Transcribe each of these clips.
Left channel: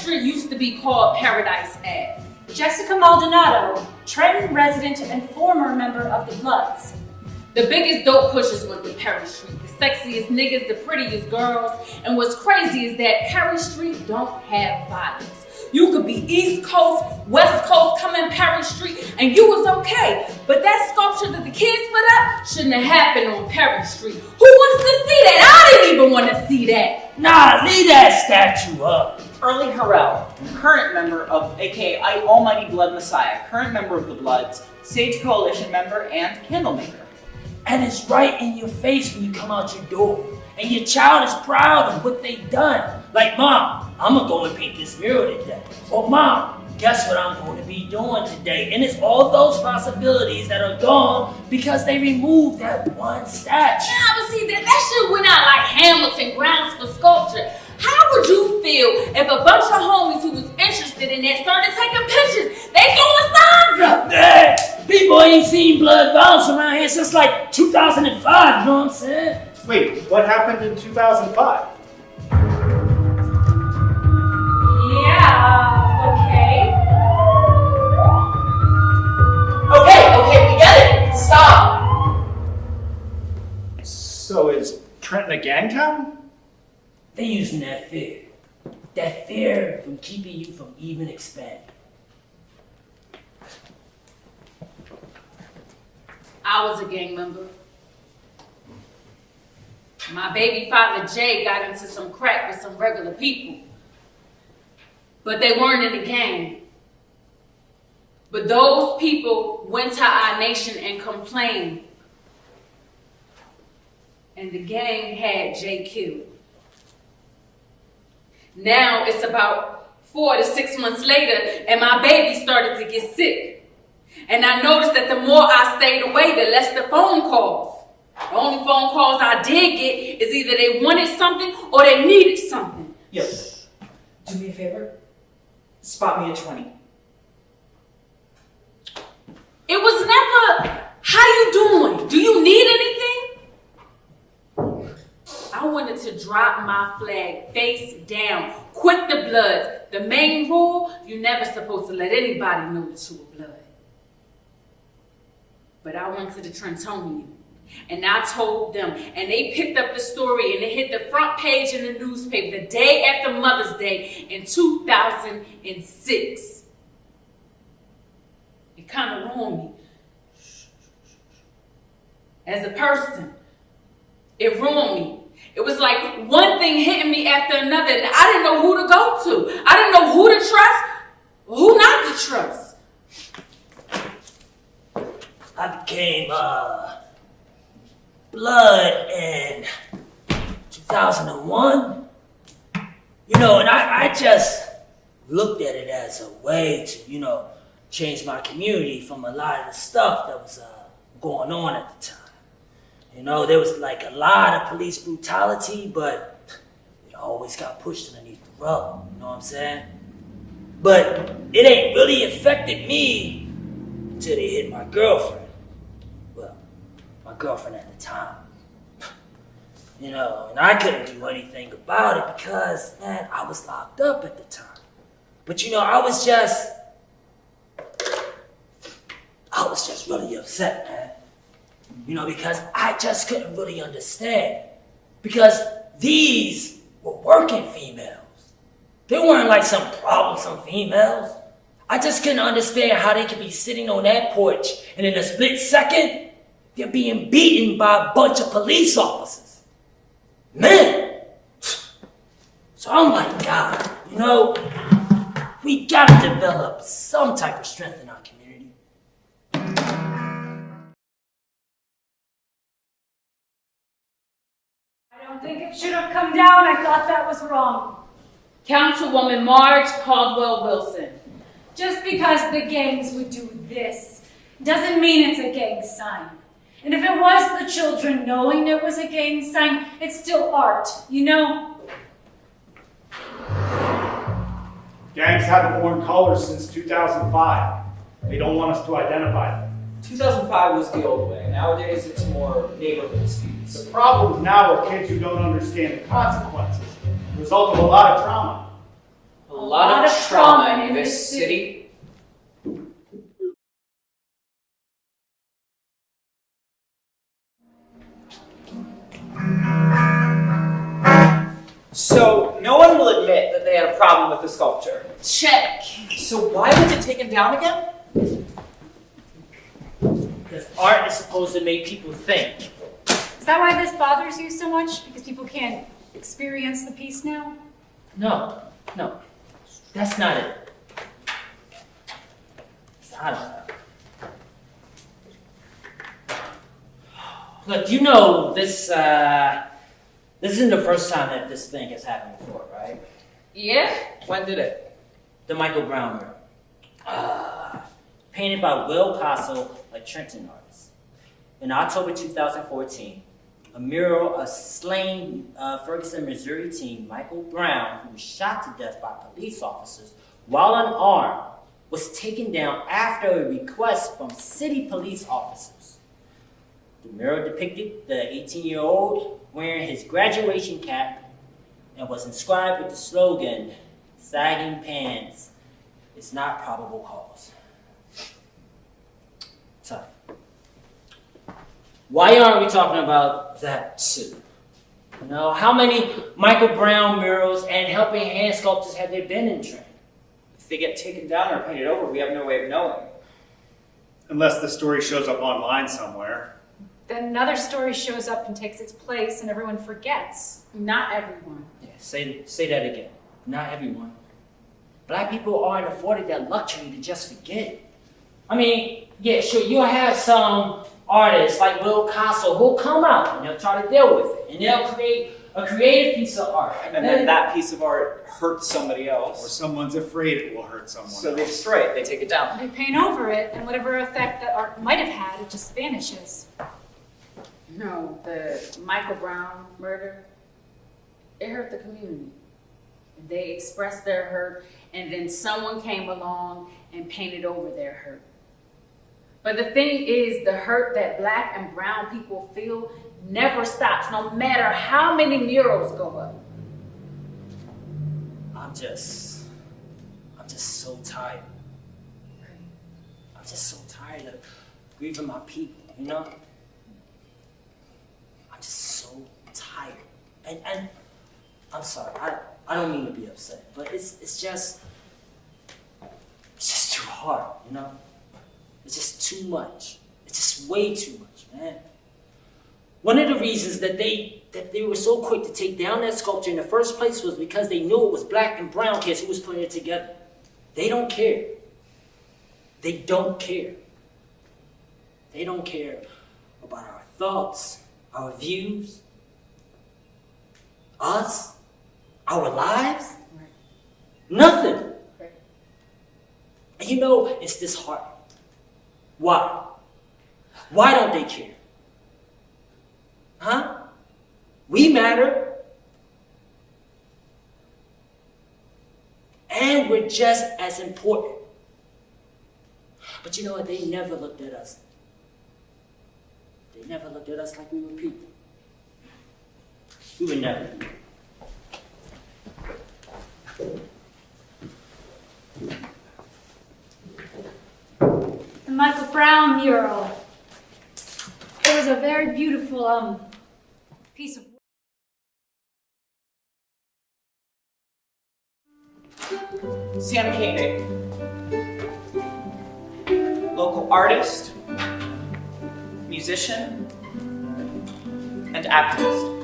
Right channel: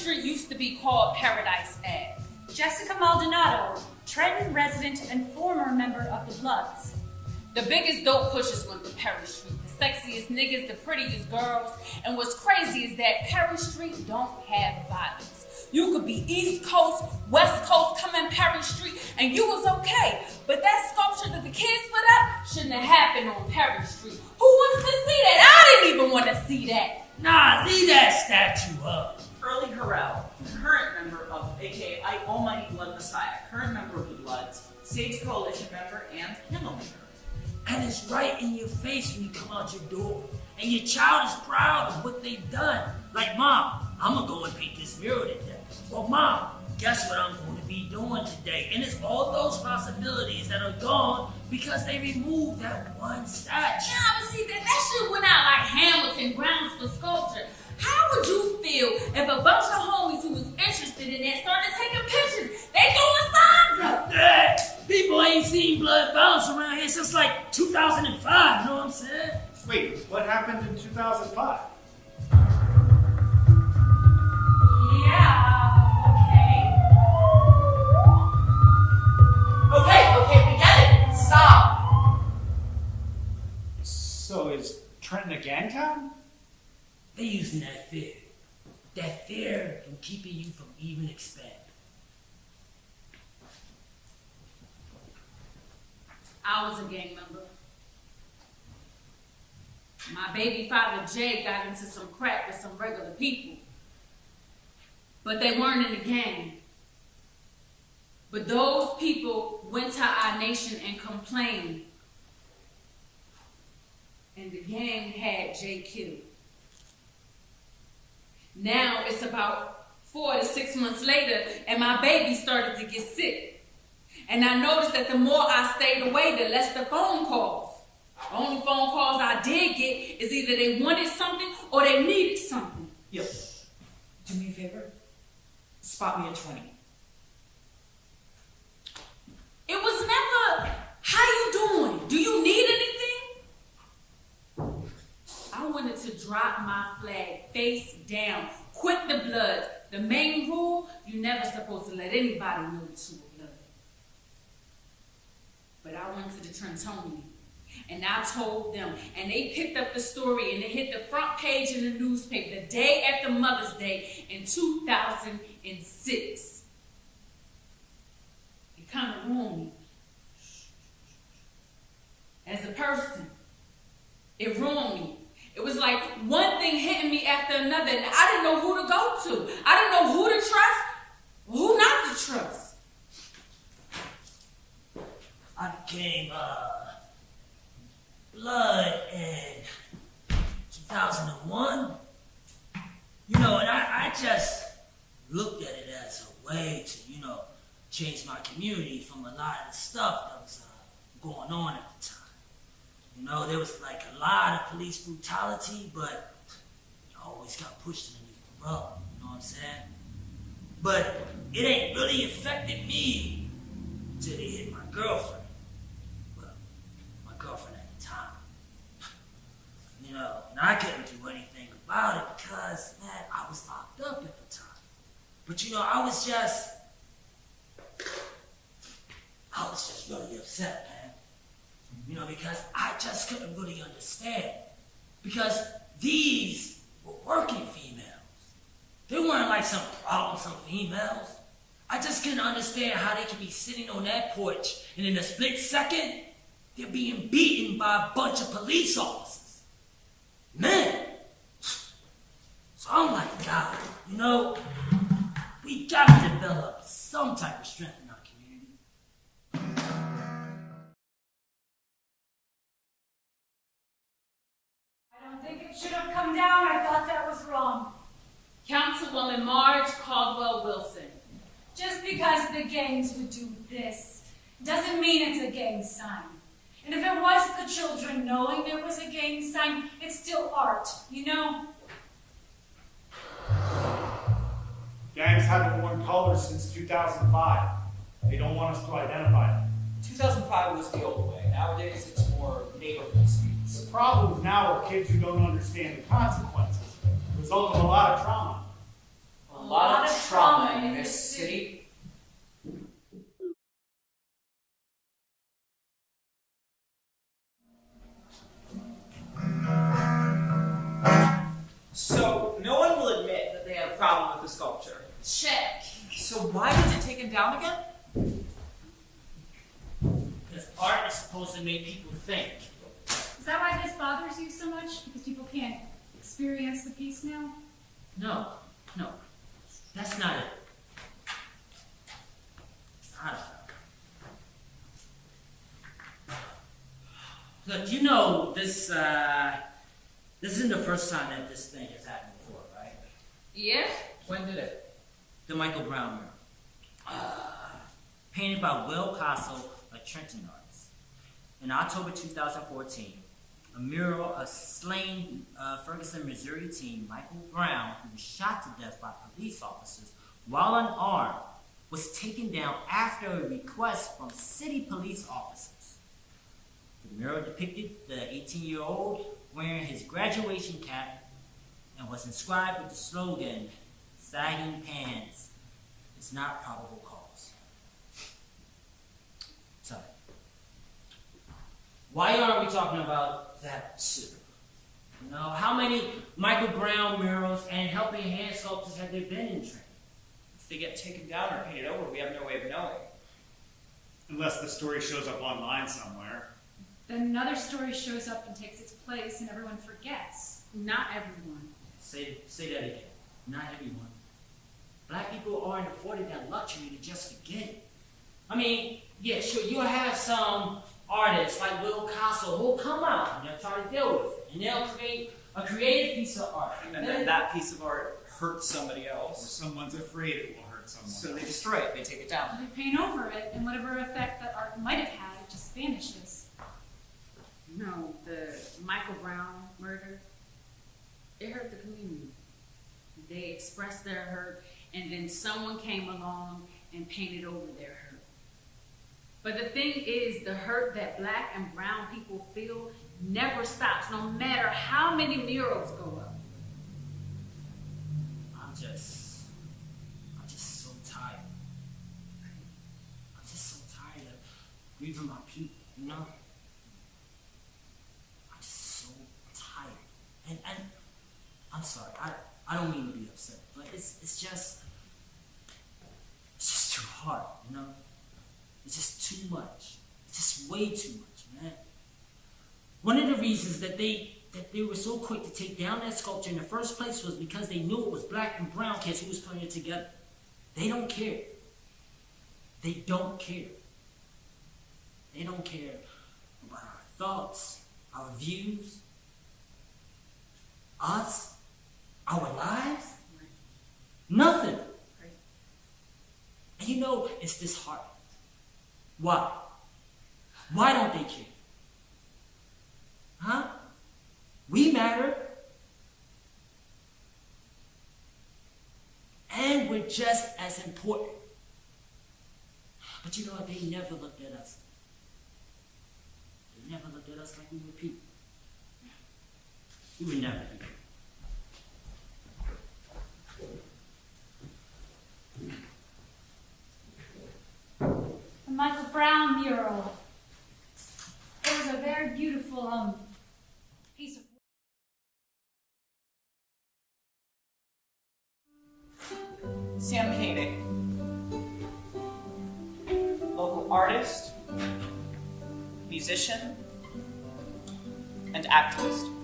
Street used to be called Paradise Ave. Jessica Maldonado, Trenton resident and former member of the Bloods. The biggest dope pushers went to Perry Street. The sexiest niggas, the prettiest girls. And what's crazy is that Perry Street don't have violence. You could be East Coast, West Coast, come in Perry Street, and you was okay. But that sculpture that the kids put up shouldn't have happened on Perry Street. Who wants to see that? I didn't even want to see that. Nah, leave that statue up. Early Harrell, current member of, aka Almighty Blood Messiah, current member of the Bloods, Sage Coalition member, and Candlemaker. And it's right in your face when you come out your door. And your child is proud of what they've done. Like, Mom, I'm gonna go and paint this mural today. Or Mom, guess what I'm going to be doing today? And it's all those possibilities that are gone because they removed that one statue. Yeah, but see, that shit went out like Hamilton grounds for sculpture. How would you feel if a bunch of homies who was interested in that started taking pictures? They throwing signs up. Hey, people ain't seen blood violence around here since like 2005, you know what I'm saying? Wait, what happened in 2005? Yeah, okay. Okay, we get it. Stop. So is Trenton a gang town? They using that fear. That fear from keeping you from even expanding. I was a gang member. My baby father, Jay, got into some crack with some regular people. But they weren't in the gang. But those people went to our nation and complained. And the gang had Jay killed. Now it's about 4 to 6 months later, and my baby started to get sick. And I noticed that the more I stayed away, the less the phone calls. The only phone calls I did get is either they wanted something or they needed something. Yo, do me a favor. Spot me a 20. It was never, how you doing? Do you need anything? I wanted to drop my flag face down. Quit the Bloods. The main rule, you're never supposed to let anybody know that you were blood. But I went to the Trentonian and I told them, and they picked up the story and it hit the front page in the newspaper the day after Mother's Day in 2006. It kind of ruined me. As a person, it ruined me. It was like one thing hitting me after another, and I didn't know who to go to. I didn't know who to trust, or who not to trust. I became blood in 2001. You know, and I just looked at it as a way to, you know, change my community from a lot of the stuff that was going on at the time. You know, there was like a lot of police brutality, but it always got pushed underneath the rug, you know what I'm saying? But it ain't really affected me until they hit my girlfriend. Well, my girlfriend at the time. You know, and I couldn't do anything about it because, man, I was locked up at the time. But you know, I was just really upset, man. You know, because I just couldn't really understand. Because these were working females. They weren't like some troublesome females. I just couldn't understand how they could be sitting on that porch and in a split second, they're being beaten by a bunch of police officers. Man! So I'm like, God, you know, we gotta develop some type of strength in our community. I don't think it should have come down. I thought that was wrong. Councilwoman Marge Caldwell Wilson. Just because the gangs would do this doesn't mean it's a gang sign. And if it was the children knowing it was a gang sign, it's still art, you know? Gangs haven't worn colors since 2005. They don't want us to identify them. 2005 was the old way. Nowadays, it's more neighborhood disputes. The problems now are kids who don't understand the consequences, the result of a lot of trauma. A A lot of trauma in this city. So, no one will admit that they had a problem with the sculpture. Check. So why was it taken down again? Because art is supposed to make people think. Is that why this bothers you so much? Because people can't experience the piece now? No, that's not it. I don't know. Look, you know this isn't the first time that this thing has happened before, right? Yeah? When did it? The Michael Brown mural. Painted by Will Castle, a Trenton artist. In October 2014, a mural of slain Ferguson, Missouri teen Michael Brown, who was shot to death by police officers while unarmed, was taken down after a request from city police officers. The mural depicted the 18-year-old wearing his graduation cap and was inscribed with the slogan, "Sagging pants is not probable cause." So, why aren't we talking about that too? You know, how many Michael Brown murals and helping hand sculptures have there been in Trenton? If they get taken down or painted over, we have no way of knowing. Unless the story shows up online somewhere. Then another story shows up and takes its place and everyone forgets. Not everyone. Yeah, say that again. Not everyone. Black people aren't afforded that luxury to just forget. I mean, yeah, sure, you'll have some artists like Will Castle who'll come out and they'll try to deal with it. And they'll create a creative piece of art. And then that piece of art hurts somebody Or else. someone's afraid it will hurt someone So they else. destroy it, they take it down. They paint over it, and whatever effect that art might have had, it just vanishes. No, the Michael Brown murder, it hurt the community. They expressed their hurt, and then someone came along and painted over their hurt. But the thing is, the hurt that Black and brown people feel never stops, no matter how many murals go up. I'm just so tired. I'm just so tired of grieving my people, you know? I'm just so tired. And I'm sorry, I don't mean to be upset, but it's just too hard, you know? It's just too much. It's just way too much, man. One of the reasons that they were so quick to take down that sculpture in the first place was because they knew it was Black and brown kids who was putting it together. They don't care. They don't care. They don't care about our thoughts, our views, us, our lives. Right. Nothing. Right. And you know, it's disheartening. Why? Why don't they care? Huh? We matter. And we're just as important. But you know what? They never looked at us. They never looked at us like we were people. We were never people. The Michael Brown mural. It was a very beautiful piece of Sam Koenig, local artist, musician, and activist.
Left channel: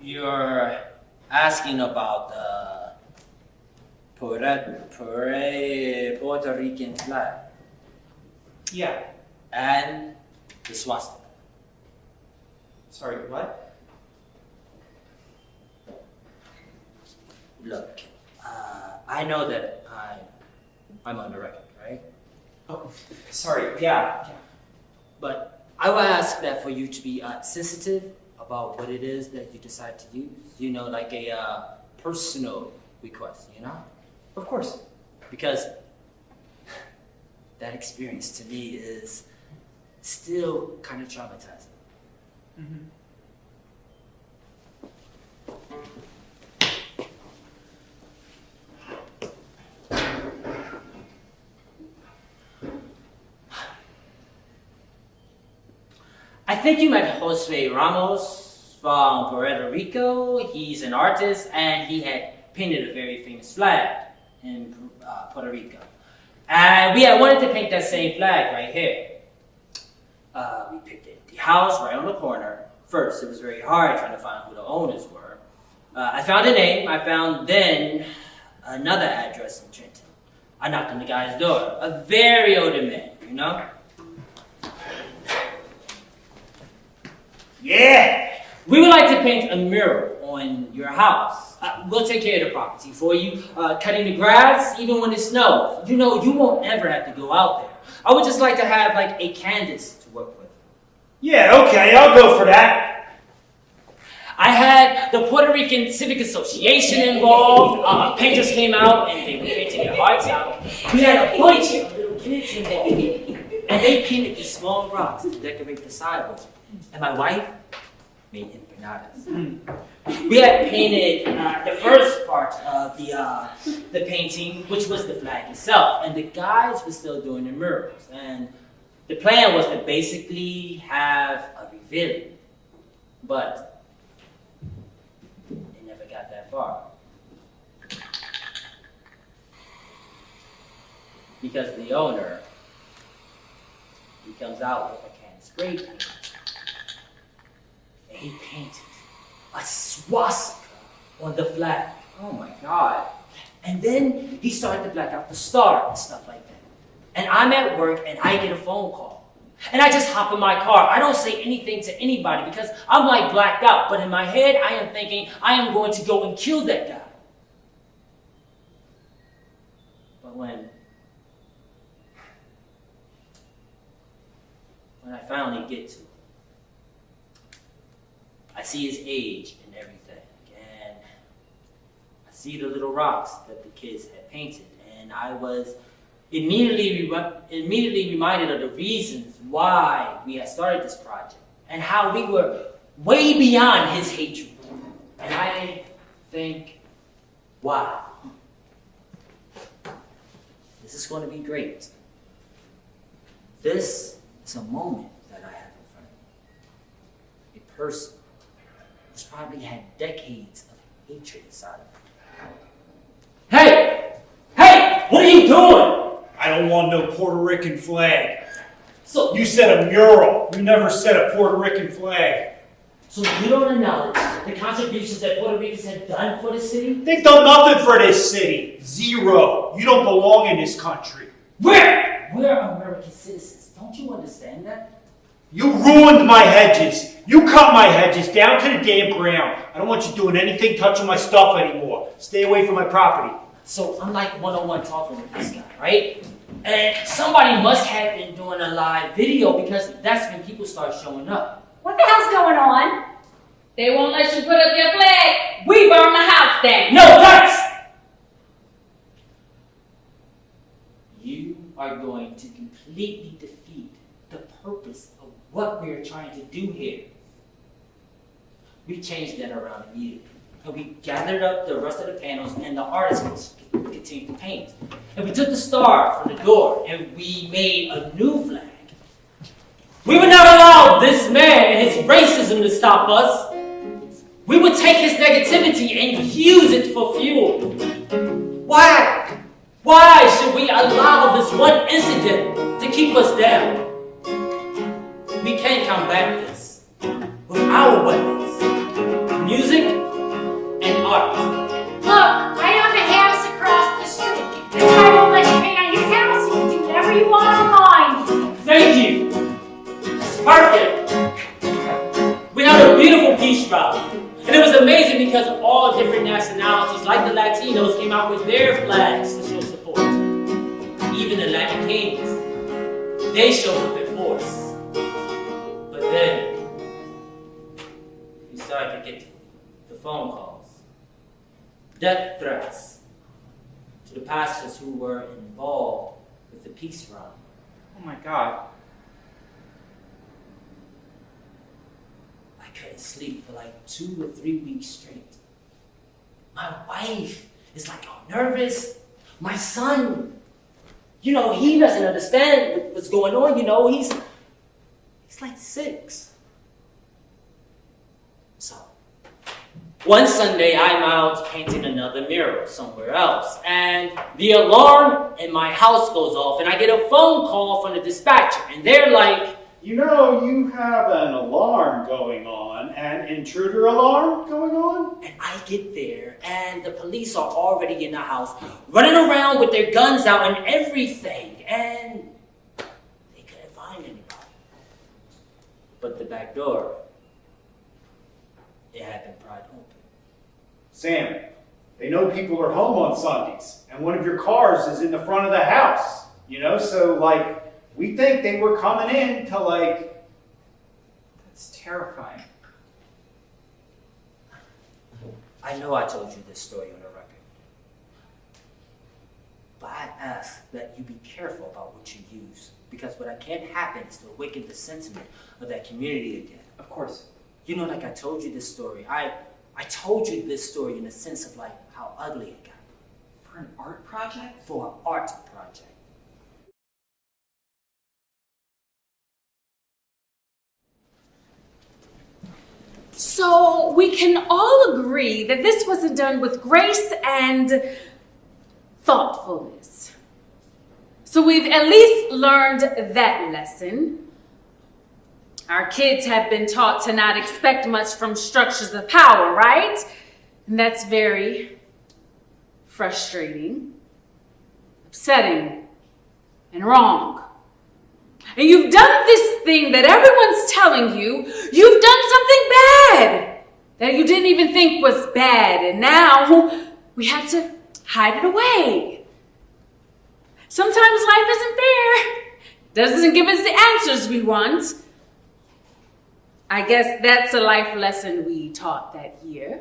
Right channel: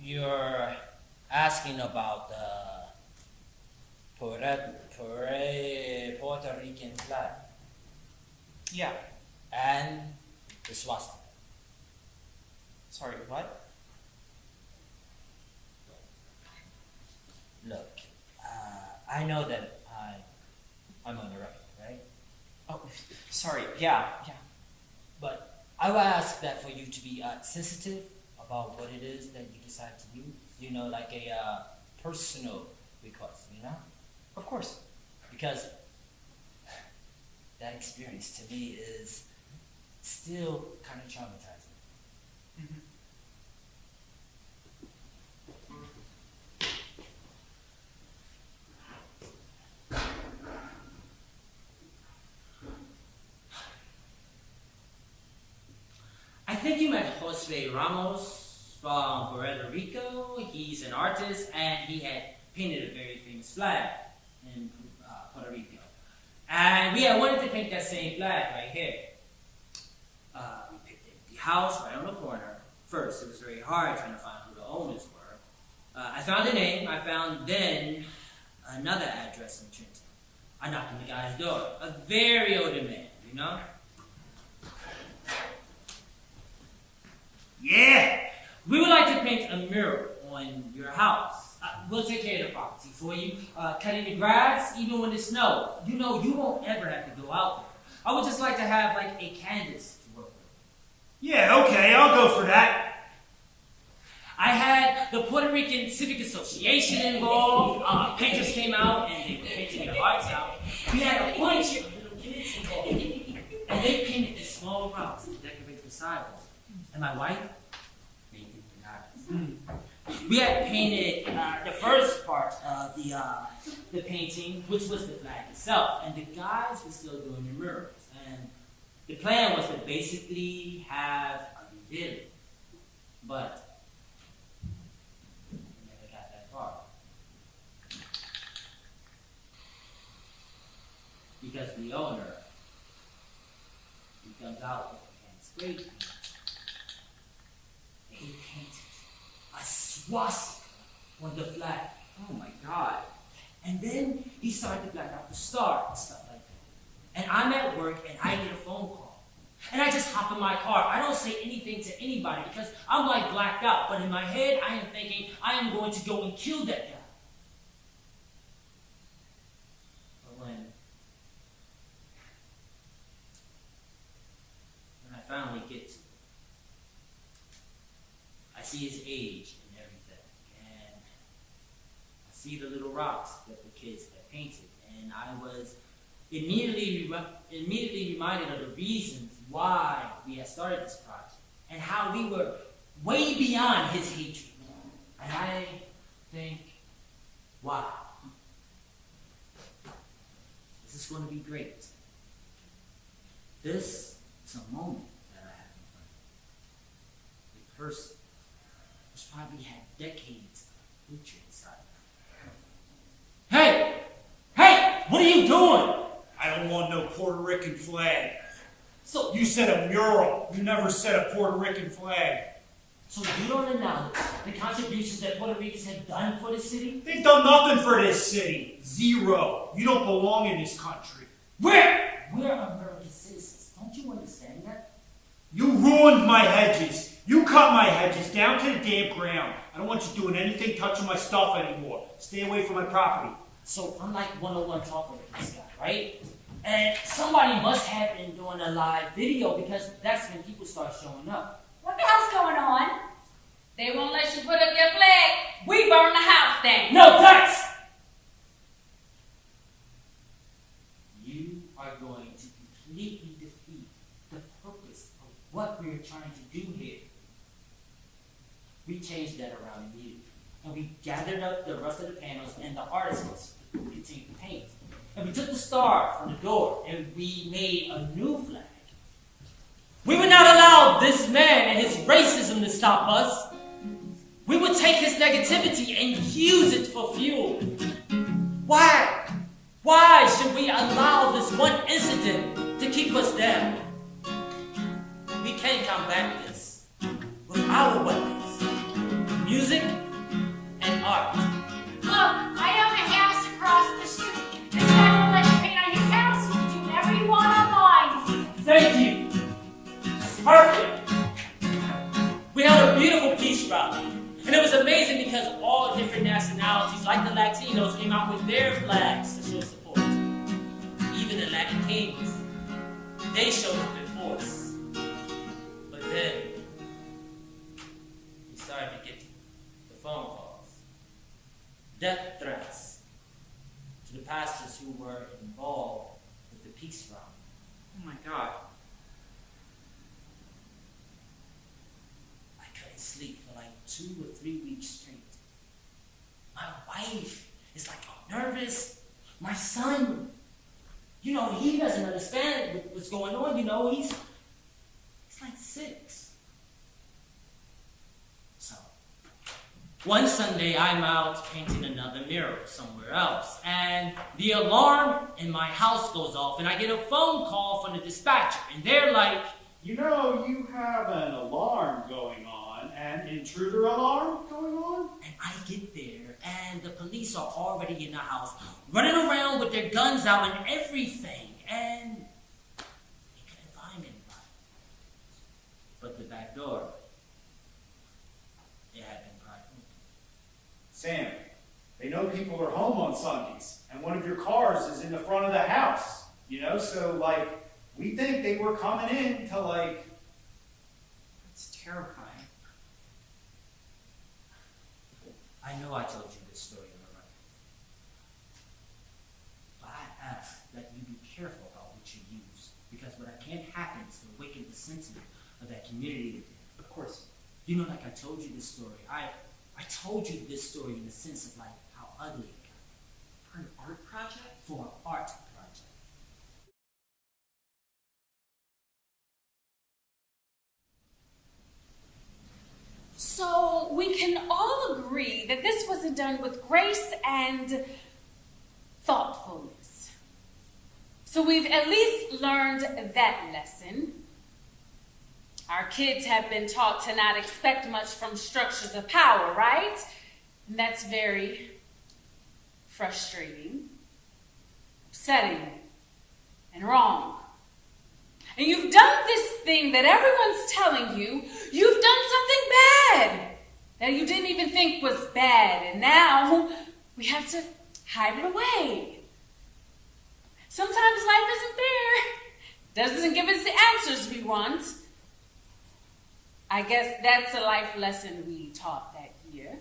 You're asking about the Puerto Rican flag Yeah. and the swastika. Sorry, what? Look, I know that I'm on the record, right? Oh, sorry, yeah. But I will ask that for you to be sensitive about what it is that you decide to use. You know, like a personal request, you know? Of course. Because that experience to me is still kind of traumatizing. I think you met Jose Ramos from Puerto Rico. He's an artist, and he had painted a very famous flag in Puerto Rico. And we had wanted to paint that same flag right here. We picked the house right on the corner. First, it was very hard trying to find who the owners were. I found a name. I found then another address in Trenton. I knocked on the guy's door. A very older man, you know? Yeah! We would like to paint a mural on your house. We'll take care of the property for you. Cutting the grass, even when it snows. You know, you won't ever have to go out there. I would just like to have like a canvas to work with. Yeah, okay, I'll go for that. I had the Puerto Rican Civic Association involved. Painters came out and they were painting their hearts out. We had a bunch of little kids involved. And they painted these small rocks to decorate the sidewalk. And my wife made empanadas. We had painted the first part of the painting, which was the flag itself. And the guys were still doing the murals. And the plan was to basically have a reveal. But it never got that far. Because the owner, he comes out with a can of spray paint. And he painted a swastika on the flag. Oh my God. And then he started to black out the star and stuff like that. And I'm at work and I get a phone call. And I just hop in my car. I don't say anything to anybody because I'm like blacked out. But in my head, I am thinking I am going to go and kill that guy. But when I finally get to him, I see his age and everything, and I see the little rocks that the kids had painted, and I was immediately reminded of the reasons why we had started this project, and how we were way beyond his hatred. And I think, wow, this is going to be great. This is a moment that I have in front of me. A person who's probably had decades of hatred inside of him. Hey! Hey! What are you doing? I don't want no Puerto Rican flag. So You said a mural. You never said a Puerto Rican flag. So you don't acknowledge the contributions that Puerto Ricans have done for the city? They've done nothing for this city. Zero. You don't belong in this country. Where? We're American citizens. Don't you understand that? You ruined my hedges. You cut my hedges down to the damn ground. I don't want you doing anything touching my stuff anymore. Stay away from my property. So I'm like one-on-one talking with this guy, right? And somebody must have been doing a live video because that's when people start showing up. What the hell's going on? They won't let you put up your flag. We burn the house down. No, that's... You are going to completely defeat the purpose of what we're trying to do here. We changed that around immediately. And we gathered up the rest of the panels and the artists continued to paint. And we took the star from the door and we made a new flag. We would not allow this man and his racism to stop us. We would take his negativity and use it for fuel. Why? Why should we allow this one incident to keep us down? We can combat this with our weapons, music and art. Look, I own a house across the street. This guy won't let you paint on his house. You can do whatever you want on mine. Thank you. It's perfect. We had a beautiful peace rally. And it was amazing because all different nationalities, like the Latinos, came out with their flags to show support. Even the Latin kings, they showed up in force. But then, we started to get the phone calls, death threats to the pastors who were involved with the peace rally. Oh my god. I couldn't sleep for like 2 or 3 weeks straight. My wife is like all nervous. My son, he doesn't understand what's going on, he's like 6. So, one Sunday I'm out painting another mural somewhere else, and the alarm in my house goes off, and I get a phone call from the dispatcher, and they're like, You have an alarm going on, an intruder alarm going on? and I get there, and the police are already in the house, running around with their guns out and everything, and they couldn't find anybody. But the back door, it had been pried open. Sam, they know people are home on Sundays, and one of your cars is in the front of the house, so we think they were coming in to That's terrifying. I know I told you this story on the record, but I ask that you be careful about what you use, because what can't happen is to awaken the sentiment of that community again. Of course. Like I told you this story, I told you this story in the sense of how ugly it got. For an art project? For an art project. So we can all agree that this wasn't done with grace and thoughtfulness. So we've at least learned that lesson. Our kids have been taught to not expect much from structures of power, right? And that's very frustrating, upsetting, and wrong. And you've done this thing that everyone's telling you, you've done something bad that you didn't even think was bad, and now we have to hide it away. Sometimes life isn't fair, doesn't give us the answers we want. I guess that's a life lesson we taught that year.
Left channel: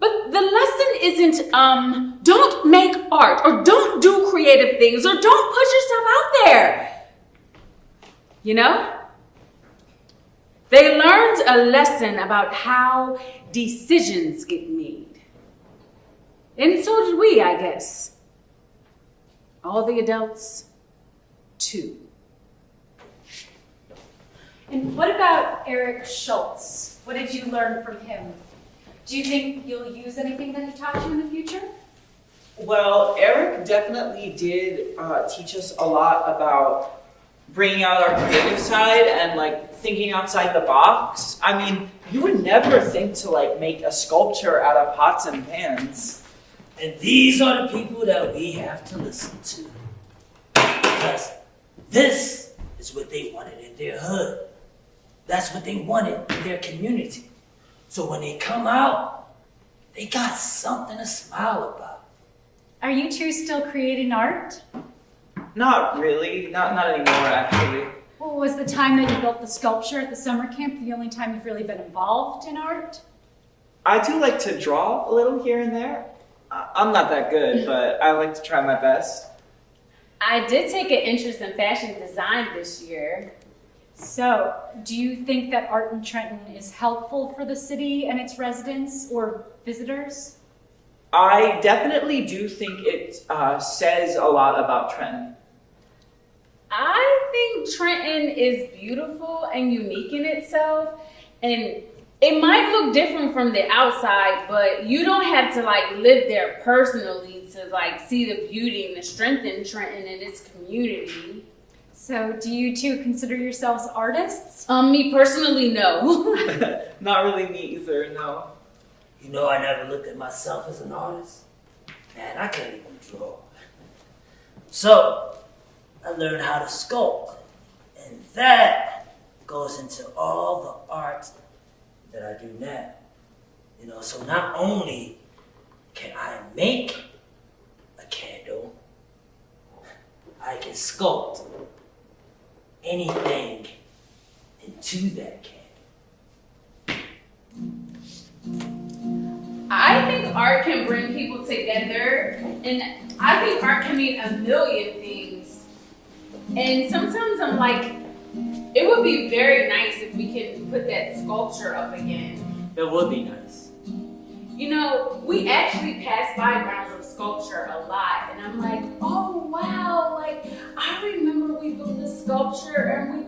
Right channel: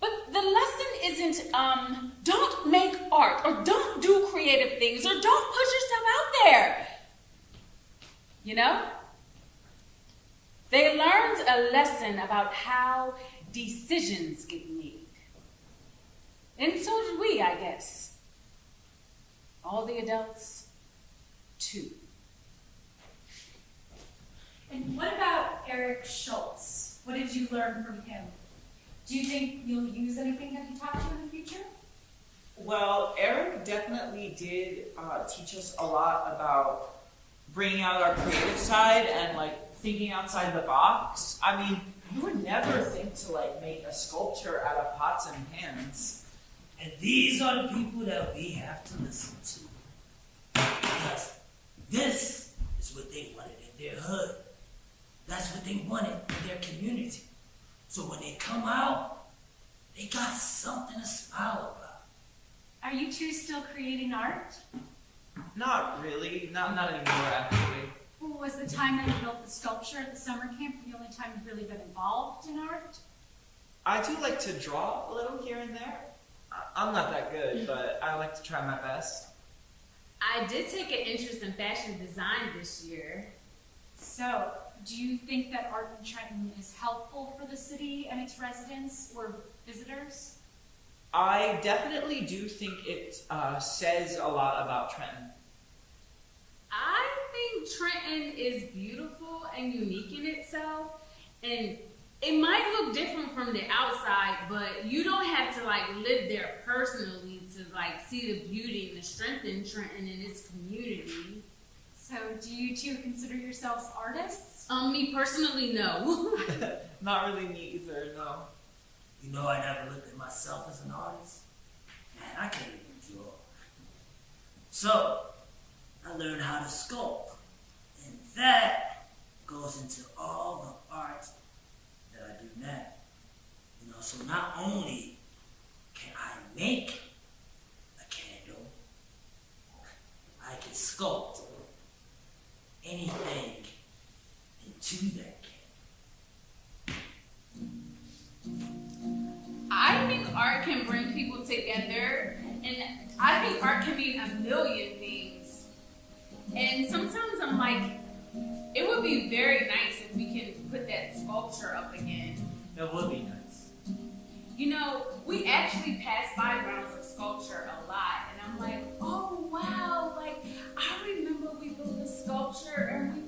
But the lesson isn't, don't make art, or don't do creative things, or don't put yourself out there. They learned a lesson about how decisions get made. And so did we, I guess. All the adults, too. And what about Eric Schultz? What did you learn from him? Do you think you'll use anything that he taught you in the future? Well, Eric definitely did teach us a lot about bringing out our creative side and thinking outside the box. I mean, you would never think to make a sculpture out of pots and pans. And these are the people that we have to listen to. Because this is what they wanted in their hood. That's what they wanted in their community. So when they come out, they got something to smile about. Are you two still creating art? Not really. Not anymore, actually. Well, was the time that you built the sculpture at the summer camp the only time you've really been involved in art? I do like to draw a little here and there. I'm not that good, but I like to try my best. I did take an interest in fashion design this year. So, do you think that art in Trenton is helpful for the city and its residents or visitors? I definitely do think it says a lot about Trenton. I think Trenton is beautiful and unique in itself, and it might look different from the outside, but you don't have to live there personally to see the beauty and the strength in Trenton and its community. So, do you two consider yourselves artists? Me personally, no. Not really me either, no. I never looked at myself as an artist. Man, I can't even draw. So, I learned how to sculpt. And that goes into all the art that I do now. So not only can I make a candle, I can sculpt anything into that candle. I think art can bring people together, and I think art can mean a million things. And sometimes I'm like, it would be very nice if we can put that sculpture up again. That would be nice. You know, we actually pass by grounds of sculpture a lot, and I'm like, oh wow, like I remember we built this sculpture and we